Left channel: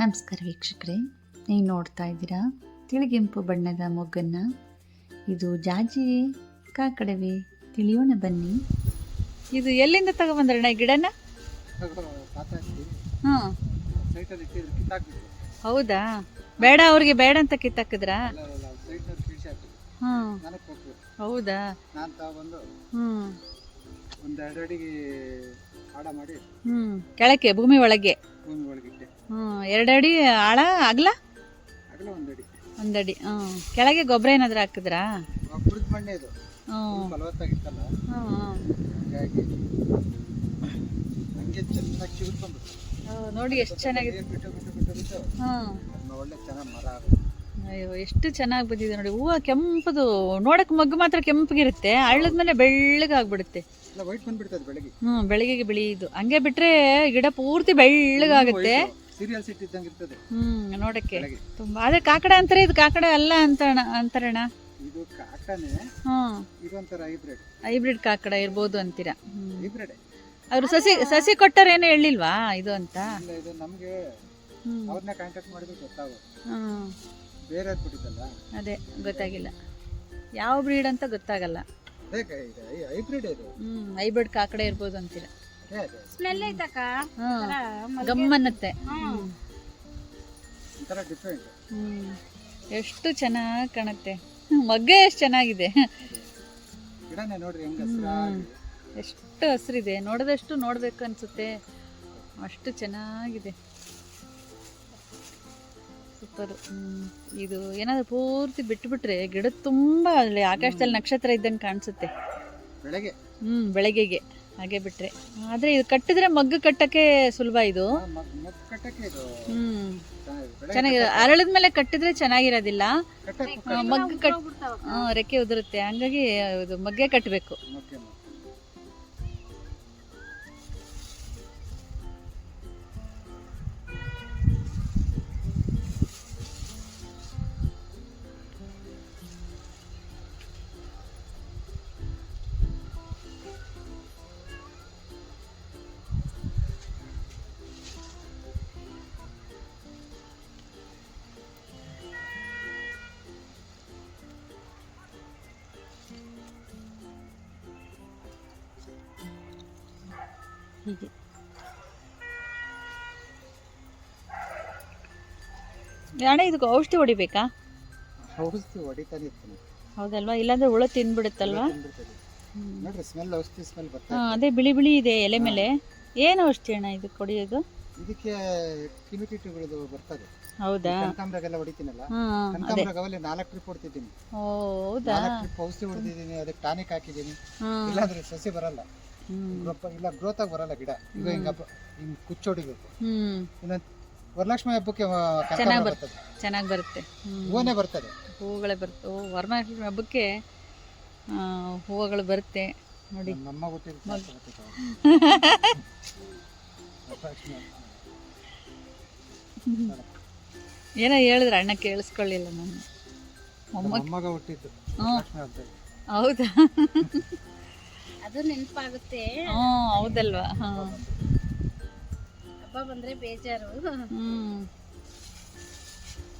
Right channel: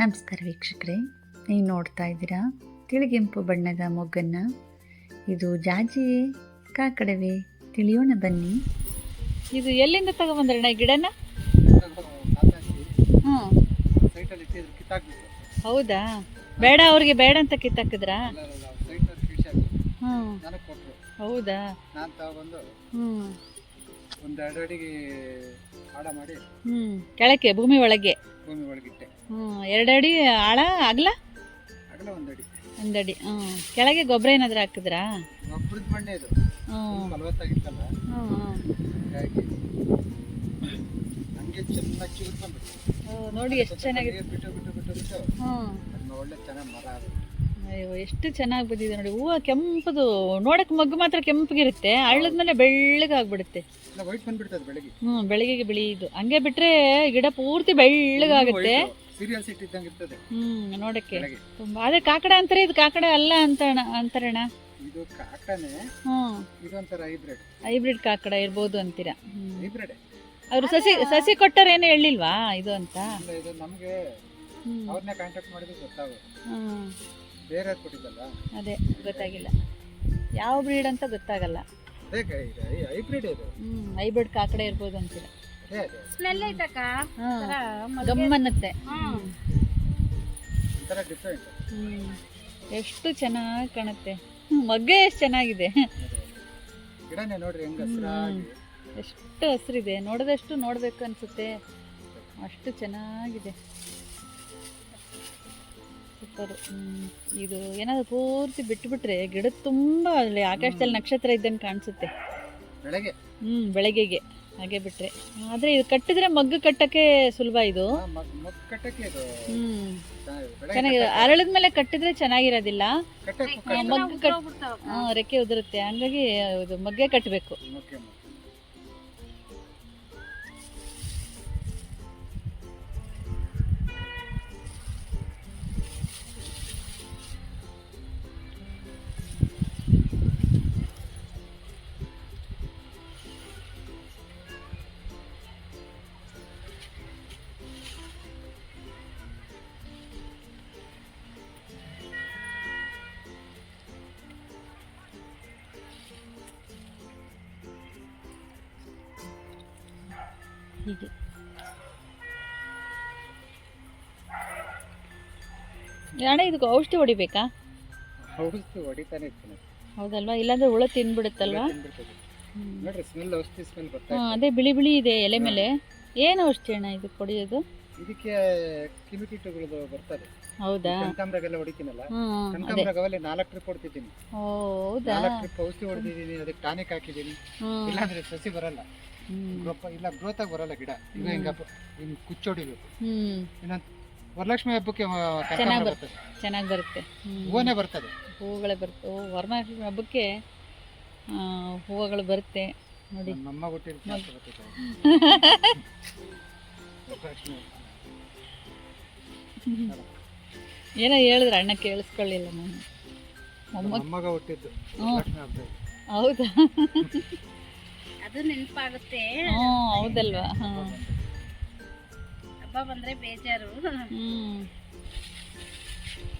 ನಮಸ್ಕಾರ ವೀಕ್ಷಕರೇ, ನೀವು ನೋಡ್ತಾ ಇದ್ದೀರಾ ತಿಳಿಗೆಂಪು ಬಣ್ಣದ ಮೊಗ್ಗನ್ನು. ಇದು ಜಾಜಿಯೇ ಕಾಕಡವೇ ತಿಳಿಯೋಣ ಬನ್ನಿ. ಇದು ಎಲ್ಲಿಂದ ತಗೊಬಂದ್ರಣ್ಣ ಈ ಗಿಡನ? ಹಾಂ, ಹೌದಾ? ಬೇಡ ಅವ್ರಿಗೆ ಬೇಡ ಅಂತ ಕಿತ್ತಾಕಿದ್ರಾ? ಹಾಂ, ಹೌದಾ? ಹ್ಞೂ, ಕೆಳಕ್ಕೆ ಭೂಮಿ ಒಳಗೆ. 2 ಅಡಿ ಆಳ ಅಗಲ, 1 ಅಡಿ. ಕೆಳಗೆ ಗೊಬ್ಬರ ಏನಾದರೂ ಹಾಕಿದ್ರಾ? ನೋಡಿ ಎಷ್ಟು ಚೆನ್ನಾಗಿದೆ. ಅಯ್ಯೋ ಎಷ್ಟು ಚೆನ್ನಾಗಿ ಬಂದಿದೆ ನೋಡಿ. ಹೂವು ಕೆಂಪದು, ನೋಡಕ್ಕೆ ಮಗ್ಗು ಮಾತ್ರ ಕೆಂಪಗಿರುತ್ತೆ, ಅಳ್ಳದ್ಮೇಲೆ ಬೆಳ್ಳಗಾಗ್ಬಿಡುತ್ತೆ. ಬೆಳಗ್ಗೆ ಬಿಳಿದು ಹಂಗೆ ಬಿಟ್ರೆ ಗಿಡ ಪೂರ್ತಿ ಬೆಳ್ಳಗಾಗುತ್ತೆ. ನೋಡಕ್ಕೆ ತುಂಬಾ. ಅದೇ ಕಾಕಡ ಅಂತಾರೆ, ಇದು ಕಾಕಡ ಅಲ್ಲ ಅಂತಾರಣ್ಣ. ಹೈಬ್ರಿಡ್ ಕಾಕಡ ಇರ್ಬೋದು ಅಂತೀರಾ? ಅವ್ರು ಸಸಿ ಕೊಟ್ಟರೇನು ಹೇಳಿಲ್ವಾ ಇದು ಅಂತ? ಅದೇ ಗೊತ್ತಾಗಿಲ್ಲ, ಯಾವ ಬ್ರೀಡ್ ಅಂತ ಗೊತ್ತಾಗಲ್ಲ. ಹೈಬ್ರಿಡ್ ಕಾಕಡ ಇರ್ಬೋದು ಅಂತೀರಾ? ಸ್ಮೆಲ್ ಐತಕ್ಕ, ಗಮ್ಮನ್ನತ್ತೆ. ಎಷ್ಟು ಚೆನ್ನಾಗಿ ಕಾಣುತ್ತೆ, ಮಗ್ಗೆ ಎಷ್ಟು ಚೆನ್ನಾಗಿದೆ. ಎಷ್ಟು ಹಸಿರಿದೆ, ನೋಡಿದಷ್ಟು ನೋಡ್ಬೇಕು ಅನ್ಸುತ್ತೆ, ಅಷ್ಟು ಚೆನ್ನಾಗಿದೆ. ಸೂಪರ್. ಇದು ಏನಾದ್ರು ಪೂರ್ತಿ ಬಿಟ್ಬಿಟ್ರೆ ಗಿಡ ತುಂಬಾ ಅಲ್ಲಿ ಆಕಾಶದಲ್ಲಿ ನಕ್ಷತ್ರ ಇದ್ದಂಗೆ ಕಾಣಿಸುತ್ತೆ ಬೆಳಗ್ಗೆಗೆ. ಹಾಗೆ ಬಿಟ್ರೆ ಆದ್ರೆ ಇದು ಕಟ್ಟಿದ್ರೆ ಮಗ್ಗು ಕಟ್ಟಕ್ಕೆ ಸುಲಭ. ಇದು ಚೆನ್ನಾಗಿ ಅರಳಿದ ಮೇಲೆ ಕಟ್ಟಿದ್ರೆ ಚೆನ್ನಾಗಿರೋದಿಲ್ಲ, ಮಗ್ಗು ರೆಕ್ಕೆ ಉದುರುತ್ತೆ. ಹಂಗಾಗಿ ಇದು ಮಗ್ಗೆ ಕಟ್ಟಬೇಕು. ಹೀಗೆ ಅಣ್ಣ, ಇದಕ್ಕೆ ಔಷಧಿ ಹೊಡಿಬೇಕಾ? ಔಷಧಿ ಹೊಡಿತಾನೆ ಇರ್ತೀನಿ. ಹೌದಲ್ವಾ? ಇಲ್ಲಾಂದ್ರೆ ಹುಳ ತಿಂದ್ಬಿಡುತ್ತಲ್ವಾ? ಅದೇ ಬಿಳಿ ಬಿಳಿ ಇದೆ ಎಲೆ ಮೇಲೆ. ಏನು ಔಷಧಿ ಅಣ್ಣ ಇದಕ್ಕೆ ಹೊಡಿಯೋದು? ಇದಕ್ಕೆ ಕ್ರಿಮಿಕೀಟಗಳು ಬರ್ತದೆ. ಹೌದಾ? ಕನಕಾಂಬರಗೆಲ್ಲ ಹೊಡಿತೀನಲ್ಲ, ಕನಕಾಂಬರಗವಲ್ಲಿ 4 ಟ್ರಿಪ್ ಹೊಡ್ತಿದ್ದೀನಿ. ಹೌದಾ? 4 ಟ್ರಿಪ್ ಔಷಧಿ ಹೊಡೆದಿದ್ದೀನಿ, ಅದಕ್ಕೆ ಟಾನಿಕ್ ಹಾಕಿದ್ದೀನಿ. ಇಲ್ಲಾಂದ್ರೆ ಸಸಿ ಬರಲ್ಲ, ಇಲ್ಲ ಗ್ರೋತ್ ಆಗಿ ಬರಲ್ಲ ಗಿಡ. ಈಗ ಹಿಂಗ ಕುಚ್ಚೊಡಿಬೇಕು. ಇನ್ನೊಂದು ವರಲಕ್ಷ್ಮಿ ಹಬ್ಬಕ್ಕೆ ಚೆನ್ನಾಗಿ ಬರುತ್ತೆ, ಹೂವನೇ ಬರ್ತದೆ, ಹೂವುಗಳೇ ಬರುತ್ತೆ. ವರಲಕ್ಷ್ಮಿ ಹಬ್ಬಕ್ಕೆ ಹೂವುಗಳು ಬರುತ್ತೆ ನೋಡಿ. ಏನೋ ಹೇಳಿದ್ರೆ ಅಣ್ಣ ಕೇಳಿಸ್ಕೊಳ್ಳಿಲ್ಲ ನಾನು. ಮೊಮ್ಮಗ ಹುಟ್ಟಿದ್ದು ಹೌದಾ? ಅದು ನೆನಪಾಗುತ್ತೆ. ಹೌದಲ್ವಾ? ಹಬ್ಬ ಬಂದ್ರೆ ಬೇಜಾರು.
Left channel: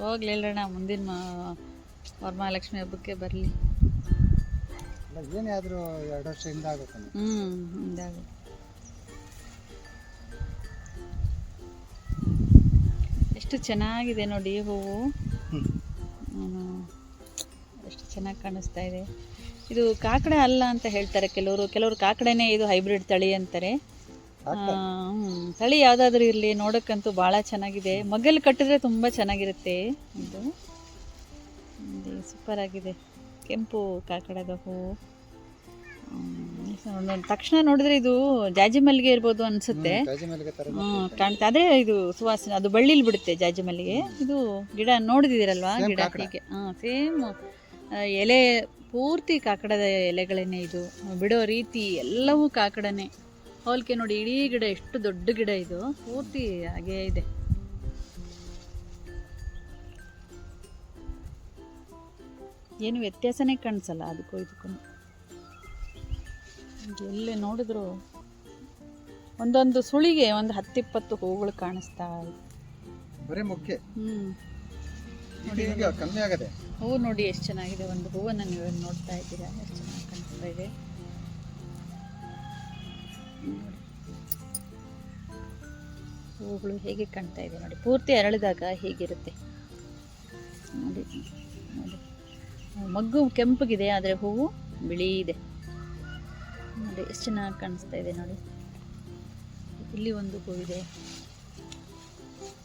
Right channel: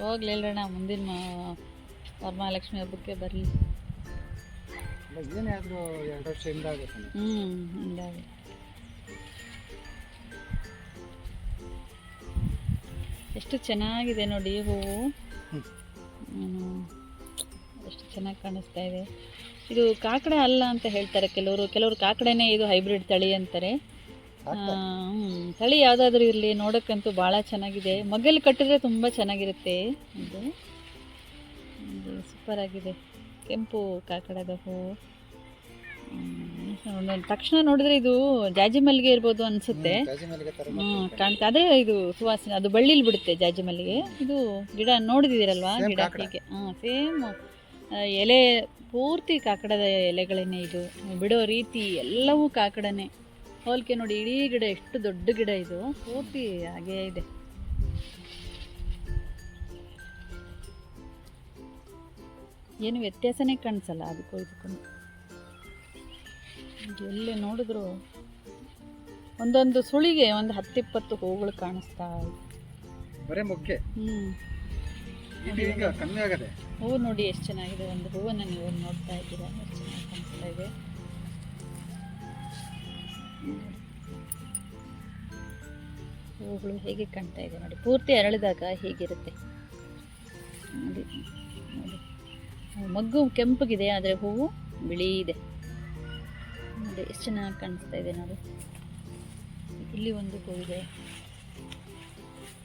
ಹೋಗ್ಲಿ ಹೇಳೋಣ, ಮುಂದಿನ ವರಮಹಾಲಕ್ಷ್ಮಿ ಹಬ್ಬಕ್ಕೆ ಬರಲಿ. ಏನೇ ಆದ್ರೂ 2 ವರ್ಷದಿಂದ ಆಗುತ್ತೆ. ಹಿಂಗಾಗಿ ಎಷ್ಟು ಚೆನ್ನಾಗಿದೆ ನೋಡಿ ಹೂವು. ಎಷ್ಟು ಚೆನ್ನಾಗಿ ಕಾಣಿಸ್ತಾ ಇದೆ. ಇದು ಕಾಕಡ ಅಲ್ಲ ಅಂತ ಹೇಳ್ತಾರೆ ಕೆಲವರು ಕಾಕಡನೇ ಇದು ಹೈಬ್ರಿಡ್ ತಳಿ ಅಂತಾರೆ. ತಳಿ ಯಾವುದಾದ್ರೂ ಇರಲಿ, ನೋಡೋಕ್ಕಂತೂ ಭಾಳ ಚೆನ್ನಾಗಿದೆ. ಮಗ್ಗಲ್ಲಿ ಕಟ್ಟಿದ್ರೆ ತುಂಬ ಚೆನ್ನಾಗಿರುತ್ತೆ. ಇದು ಸೂಪರ್ ಆಗಿದೆ, ಕೆಂಪು ಕಾಕಡದ ಹೂವು. ತಕ್ಷಣ ನೋಡಿದ್ರೆ ಇದು ಜಾಜಿ ಮಲ್ಲಿಗೆ ಇರ್ಬೋದು ಅನಿಸುತ್ತೆ. ಕಾಣ್ತಾ ಅದೇ ಇದು ಸುವಾಸನೆ, ಅದು ಬಳ್ಳಿಲಿ ಬಿಡುತ್ತೆ ಜಾಜಿ ಮಲ್ಲಿಗೆ. ಇದು ಗಿಡ ನೋಡಿದಿರಲ್ವಾ? ಗಿಡ ಹೀಗೆ ಸೇಮ್ ಎಲೆ ಪೂರ್ತಿ ಕಾಕಡದ ಎಲೆಗಳನ್ನೇ. ಇದು ಬಿಡೋ ರೀತಿ ಎಲ್ಲವೂ ಕಾಕಡನೇ. ಹೋಲಿಕೆ ನೋಡಿ, ಇಡೀ ಗಿಡ ಎಷ್ಟು ದೊಡ್ಡ ಗಿಡ, ಇದು ಪೂರ್ತಿ ಹಾಗೇ ಇದೆ. ಏನು ವ್ಯತ್ಯಾಸನೇ ಕಾಣಿಸಲ್ಲ ಅದಕ್ಕೂ ಇದಕ್ಕೂ. ಎಲ್ಲಿ ನೋಡಿದ್ರು ಒಂದೊಂದು ಸುಳಿಗೆ ಒಂದು 10-20 ಹೂಗಳು ಕಾಣಿಸ್ತಾ ಇದೆ. ಬರೀ ಮೊಕ್ಕೆ ಹ್ಮ್ ಇದು ಈಗ ಕಮ್ಮಿ ಆಗದೆ. ಹೂವು ನೋಡಿ ಎಷ್ಟು ಚೆನ್ನಾಗಿದೆ. ಒಂದು ಹೂವನ್ನು ನೀವು ನೋಡ್ತಾ ಇದ್ದೀರಾ, ಎಷ್ಟು ಚೆನ್ನಾಗಿ ಕಾಣಿಸ್ತಾ ಇದೆ ನೋಡಿ. ಹೂವುಗಳು ಹೇಗೆ ಕಾಣ್ತಾ ಇದೆ ನೋಡಿ, ಪೂರ್ತಿ ಅರಳಿದಾಗ ಹೇಗಿರುತ್ತೆ ನೋಡಿ. ನೋಡಿ ಮಗ್ಗು ಕೆಂಪಗಿದೆ, ಆದರೆ ಹೂವು ಬಿಳಿ ಇದೆ ನೋಡಿ, ಎಷ್ಟು ಚೆನ್ನಾಗಿ ಕಾಣಿಸ್ತಾ ಇದೆ ನೋಡಿ. ಇಲ್ಲಿ ಒಂದು ಹೂವಿದೆ,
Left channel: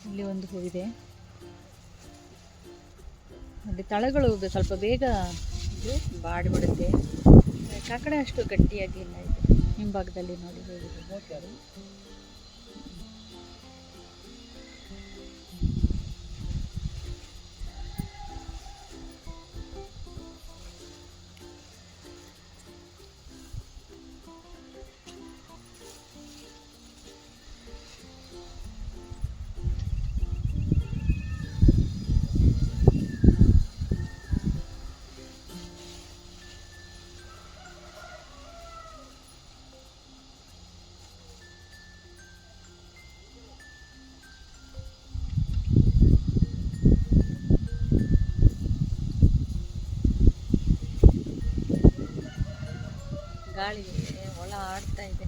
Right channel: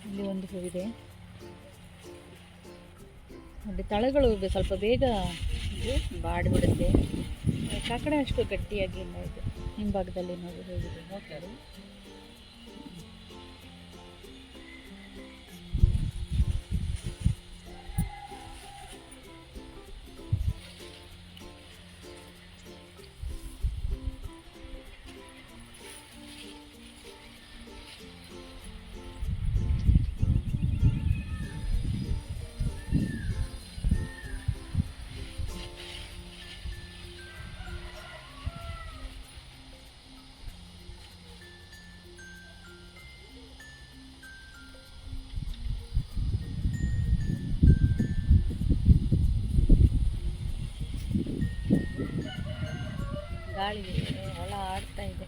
ಇಲ್ಲಿ ಒಂದು ಹೂವಿದೆ ನೋಡಿ. ತಳಗಳು ಸ್ವಲ್ಪ ಬೇಗ ಇದು ಬಾಡಿಬಿಡುತ್ತೆ. ಕಾಕಡ ಅಷ್ಟು ಗಟ್ಟಿಯಾಗಿ ಇಲ್ಲ ಇದು. ಹಿಂಭಾಗದಲ್ಲಿ ನೋಡಿ ಹೇಗಿದೆ. ಗಾಳಿ ಹೊಳ ಆಡ್ತಾ ಇದೆ.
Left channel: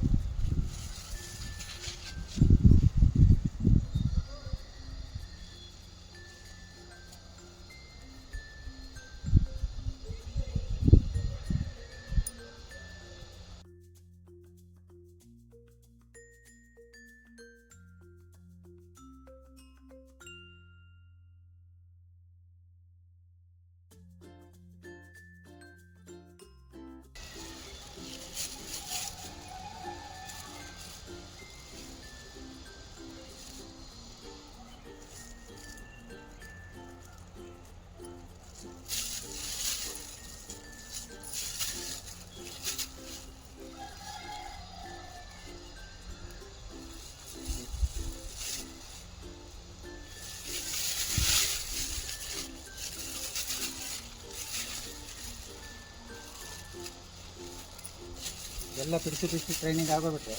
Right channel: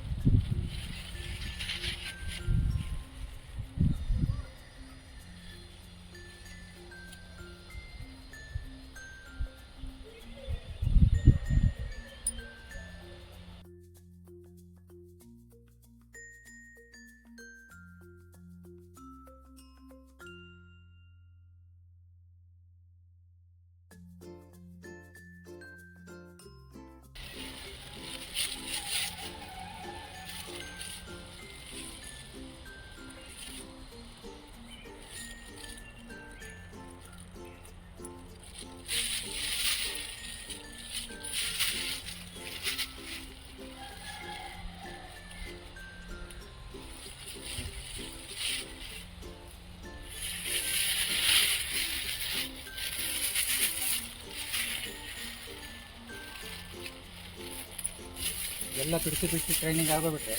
ಎಲ್ಲ ಬಿಡಿಸಿ ಟ್ರೈನಿಂಗ್ ಆಗೋಗ್ಬಿಟ್ರೆ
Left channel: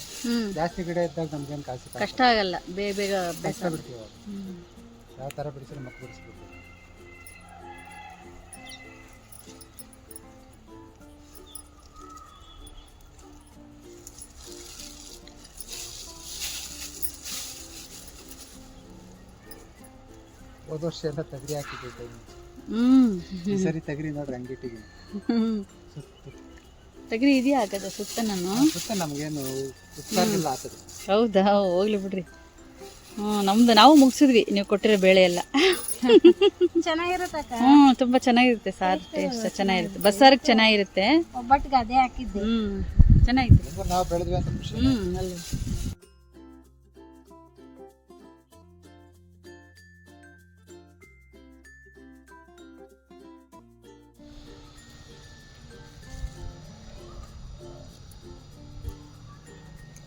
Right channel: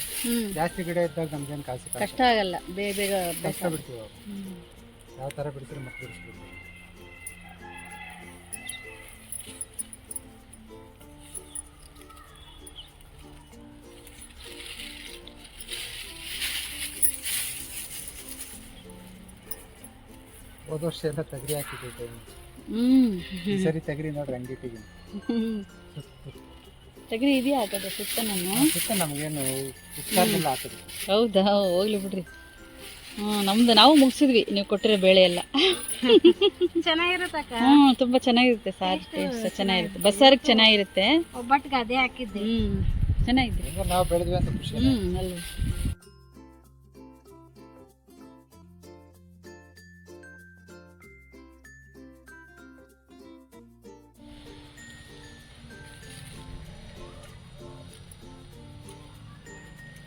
ಜಾಸ್ತಿ ಗಿಡ ಇದ್ದಾಗ ನಮ್ಗೇನು ಕಾಸು ಕಷ್ಟ ಆಗಲ್ಲ, ಬೇಗ ಬೇಗ ಕಷ್ಟ ಬಿಡ್ತೀವಿ. ಯಾವ ಥರ ಬಿಡಿಸಿದ್ರೆ ಮತ್ತೆ ಬಿಡಿಸ್ಬಿಡ್ತೀವಿ. ಹೋದ ವರ್ಷ ಎಲ್ಲ ತಗರಿ ಹಾಕಿದ್ದೆ. ಈ ಸರಿ ತಗರಿ ನೋಡ್ರಿ ಅಂಗಡಿಗೆ ತಗರಿ ಇದೆಯಾ ಹಾಕದ ಸುತ್ತ ನಮಗೇನು ಹಾಕಿದ್ವಿ. ಹೌದಾ, ಹೋಗ್ಲಿ ಬಿಡ್ರಿ. ನಮ್ದು ನಾವು ಮುಗಿಸಿದ್ವಿ, ನೀವು ಕೊಟ್ಟಿರೋ ಬೇಳೆ ಎಲ್ಲ. ಚೆನ್ನಾಗಿರುತ್ತೆ. ತುಂಬಾ ಚೆನ್ನಾಗಿರುತ್ತೆ, ಸಾರು ಟೇಸ್ಟ್ ಚೆನ್ನಾಗಿರುತ್ತೆ, ಬಸ್ಸಾರಿಗೆ ಚೆನ್ನಾಗಿರುತ್ತೆ. ಒಬ್ಬಟ್ಟಿಗೆ ಅದೇ ಹಾಕಿದ್ದೆ. ಚೆನ್ನಾಗಿದೆ. ನಾವು ಬೆಳೆದ್ವಿ ಅಂತ ಖುಷಿ. ಅಲ್ವ.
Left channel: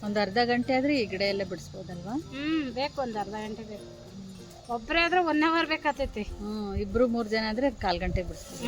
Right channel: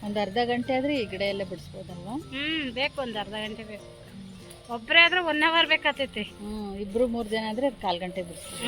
ಒಂದು ಅರ್ಧ ಗಂಟೆ ಆದ್ರೆ ಈ ಗಿಡ ಎಲ್ಲ ಬಿಡಿಸ್ಬೋದಲ್ವಾ? ಬೇಕು, ಒಂದು ಅರ್ಧ ಗಂಟೆ ಬೇಕು. ಒಬ್ಬರೇ ಆದ್ರೆ 1 ಅವರ್ ಬೇಕಾಗ್ತೈತಿ. ಇಬ್ರು 3 ಜನ ಆದ್ರೆ 1/4 ಗಂಟೆ ಬಿಡಿಸ್ಬೋದು.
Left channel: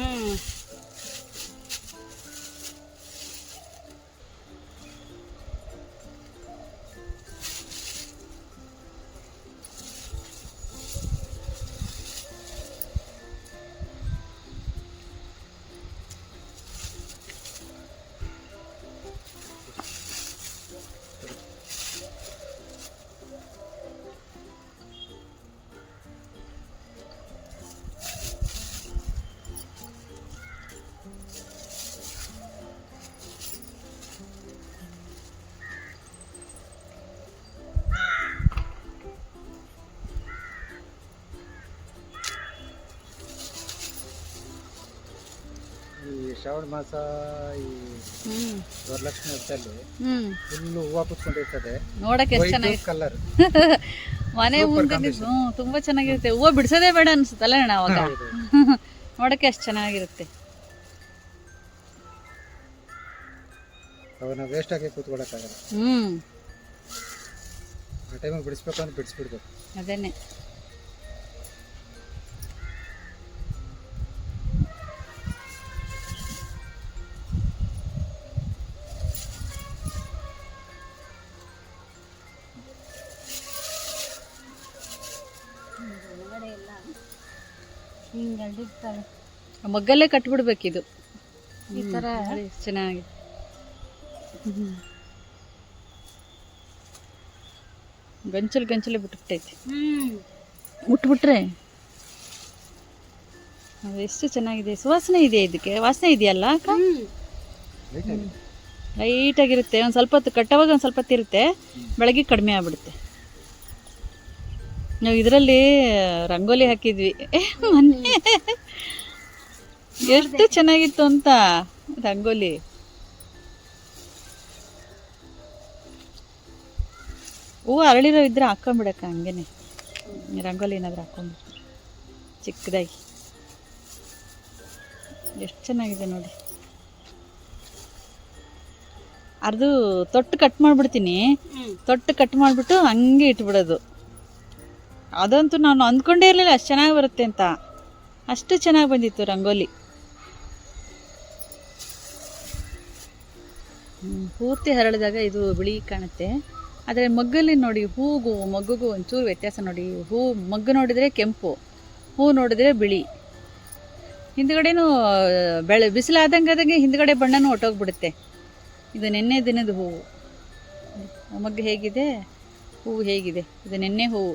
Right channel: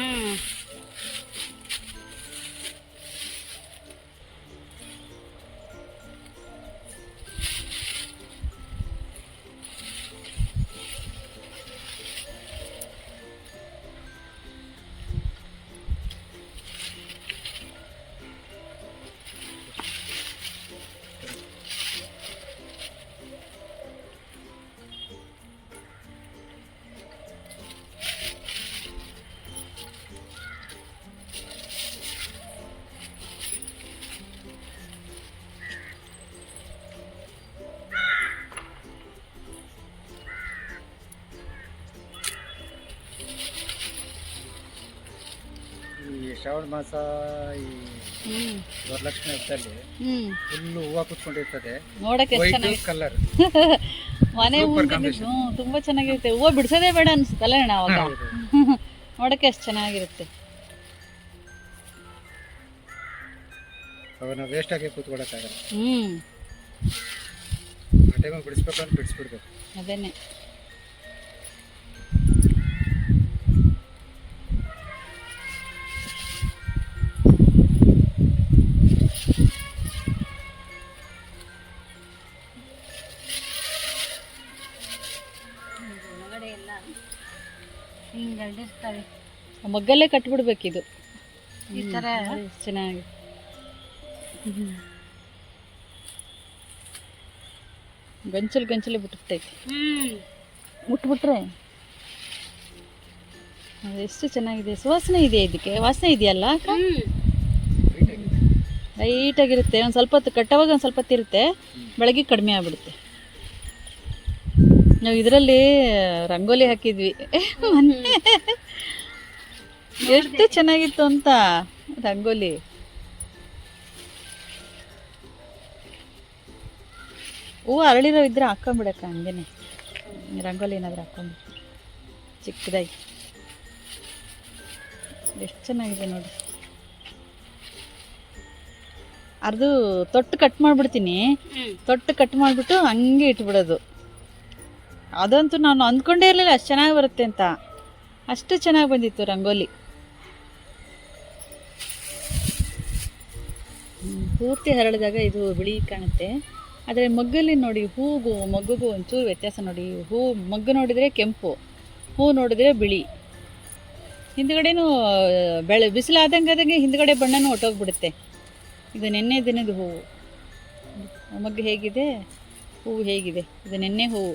ಶ್ರಾವಣ ಮಾಸ ಈ ವರಲಕ್ಷ್ಮಿ ಹಬ್ಬದಲ್ಲಿ ಫುಲ್ ಹೂವು ಕುತ್ಕೊಂಡಿರ್ತದೆ. ನೋಡಕ್ಕೆ ಎಷ್ಟು ಚೆನ್ನಾಗಿ ಕಲರ್ ಮನೆ ಮುಂದೆ ತುಂಬಾ ಚೆನ್ನಾಗಿರುತ್ತೆ. ಹೂವು ಬಿಡಿಸೋದೇ ಬೇಡ ಅನ್ಸುತ್ತಲ್ಲ ಅಣ್ಣ ಅವಾಗ. ನೋಡಕ್ಕೆ ಅಷ್ಟು ಚೆನ್ನಾಗಿರುತ್ತೆ. ಅವನ್ನ ವೇಸ್ಟ್ ಆಗಿ ಕೂತ್ಕೊಳ್ಳೋಕ್ಕಾಗಲ್ಲ. ಆ ಟೈಮಿಗೆ ಬಿಡಿಸ್ಬೇಕು ಅಂತ ಬಿಡಿಸ್ಬಿಡ್ಬೇಕು. ಅದೇನೆ. ಒಳಗಡೆ ಎಲ್ಲ ಹಿಂಗೆ ಅಡ್ಡಿರ್ತಾರೆ. ಮಗ್ಗಲ್ಲೇ ಕಟ್ಬಿಡ್ಬೇಕಿದು. ಈ ಥರ ನೋಡಿ ಎಷ್ಟ್ ಚೆನ್ನಾಗಿದೆ. ಗಂಚಲೇ ಬಿಟ್ಬಿಟ್ಟೈತಿ. ಮುಟ್ಬಿಟ್ರೆ ಅದು ಎಷ್ಟು ಚೆನ್ನಾಗಿದೆ. ಸುವಾಸನೆ ಇದೆ, ಇದಕ್ಕೆ ವಾಸನೆ ಇದೆಯಲ್ಲ ಅಕ್ಕ? ಲೈಟಾಗಿರುತ್ತೆ. ಒಂದು ಸ್ವಲ್ಪ ಹೊತ್ತು ಕಟ್ಟುವಾಗ ಒಂದು ಸ್ವಲ್ಪ ಹೊತ್ತು ಇರುತ್ತೆ, ಬೆಳಗ್ಗೆ ಕಡಿಮೆ ಆಗ್ಬಿಡುತ್ತೆ. ನಾವು ಇದರಲ್ಲಿ ರಂಗೋಲಿ ಹಾಕಿದ್ವಿ ಮೊನ್ನೆ, ಎಷ್ಟು ಚೆನ್ನಾಗಿತ್ತು ಅಂತ ರಂಗೋಲಿ. ಹೂವು ಅರಳಿರೋ ಇದ್ರೆ ಹಾಕೊಂಬಿಡಕ್ಕ, ಹಂಗೇನೆ ರಂಗೋಲಿ ಏನಾದರೂ ಹಾಕೊಂಡ್ಬಿಟ್ಟು ಚಿಕ್ಕದಾಗಿ. ಎಷ್ಟು ಚೆನ್ನಾಗಿದೆ ನೋಡಿ. ಅದು ತೊಟ್ಟು ಕಟ್ ಮಾಡಿಬಿಡ್ತೀನಿ, ತೊಟ್ಟು ಕಟ್ ಮಾಡಿಬಿಟ್ಟು ಹಂಗೆ ಇಟ್ಬಿಡೋದು. ಅದಂತೂ ನಾನು ಅಂದ್ಕೊಂಡೇ ಇರಲಿಲ್ಲ ಅಷ್ಟು ಚೆನ್ನಾಗಿ ಬರುತ್ತೆ ಅಂತ. ಅಷ್ಟು ಚೆನ್ನಾಗಿ ಬಂದಿತ್ತು ರಂಗೋಲಿ. ಪೂರ್ತಿ ಹರಳಿದಾಗ ಇದು ಬಿಳಿ ಕಾಣುತ್ತೆ, ಆದರೆ ಮಗ್ಗಲ್ಲಿ ನೋಡಿ ಹೂಗೂ ಮಗ್ಗಿಗೂ ಒಂಚೂರು ವ್ಯತ್ಯಾಸ ನೋಡಿ. ಹೂ ಮಗ್ಗು ನೋಡಿದರೆ ಕೆಂಪು, ಹೂ ನೋಡಿದರೆ ಬಿಳಿ. ಹಿಂದ್ಗಡೆನೂ ಬಿಸಿಲಾದಂಗೆ ಹಿಂದ್ಗಡೆ ಬಣ್ಣನೂ ಹೊಟ್ಟೋಗ್ಬಿಡುತ್ತೆ. ಇದು ನೆನ್ನೆ ದಿನದ ಹೂವು. ಮಗ್ಗು ಹೇಗಿದೆ, ಹೂವು ಹೇಗಿದೆ. ಇದು ನೆನ್ನೆ ಹೂವು.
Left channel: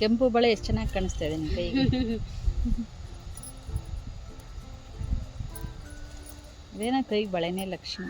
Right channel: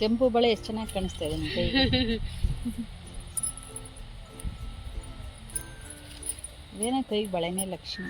ಕೆಂಪು ಬಳೆ ಎಷ್ಟು ಚೆನ್ನಾಗಿ ಕಾಣಿಸ್ತಾ ಇದೆ ನಿಮ್ಮ ಕೈಗೆ. ಅದೇನ ಕೈಗೆ ಬಳೆನೇ ಲಕ್ಷಣ.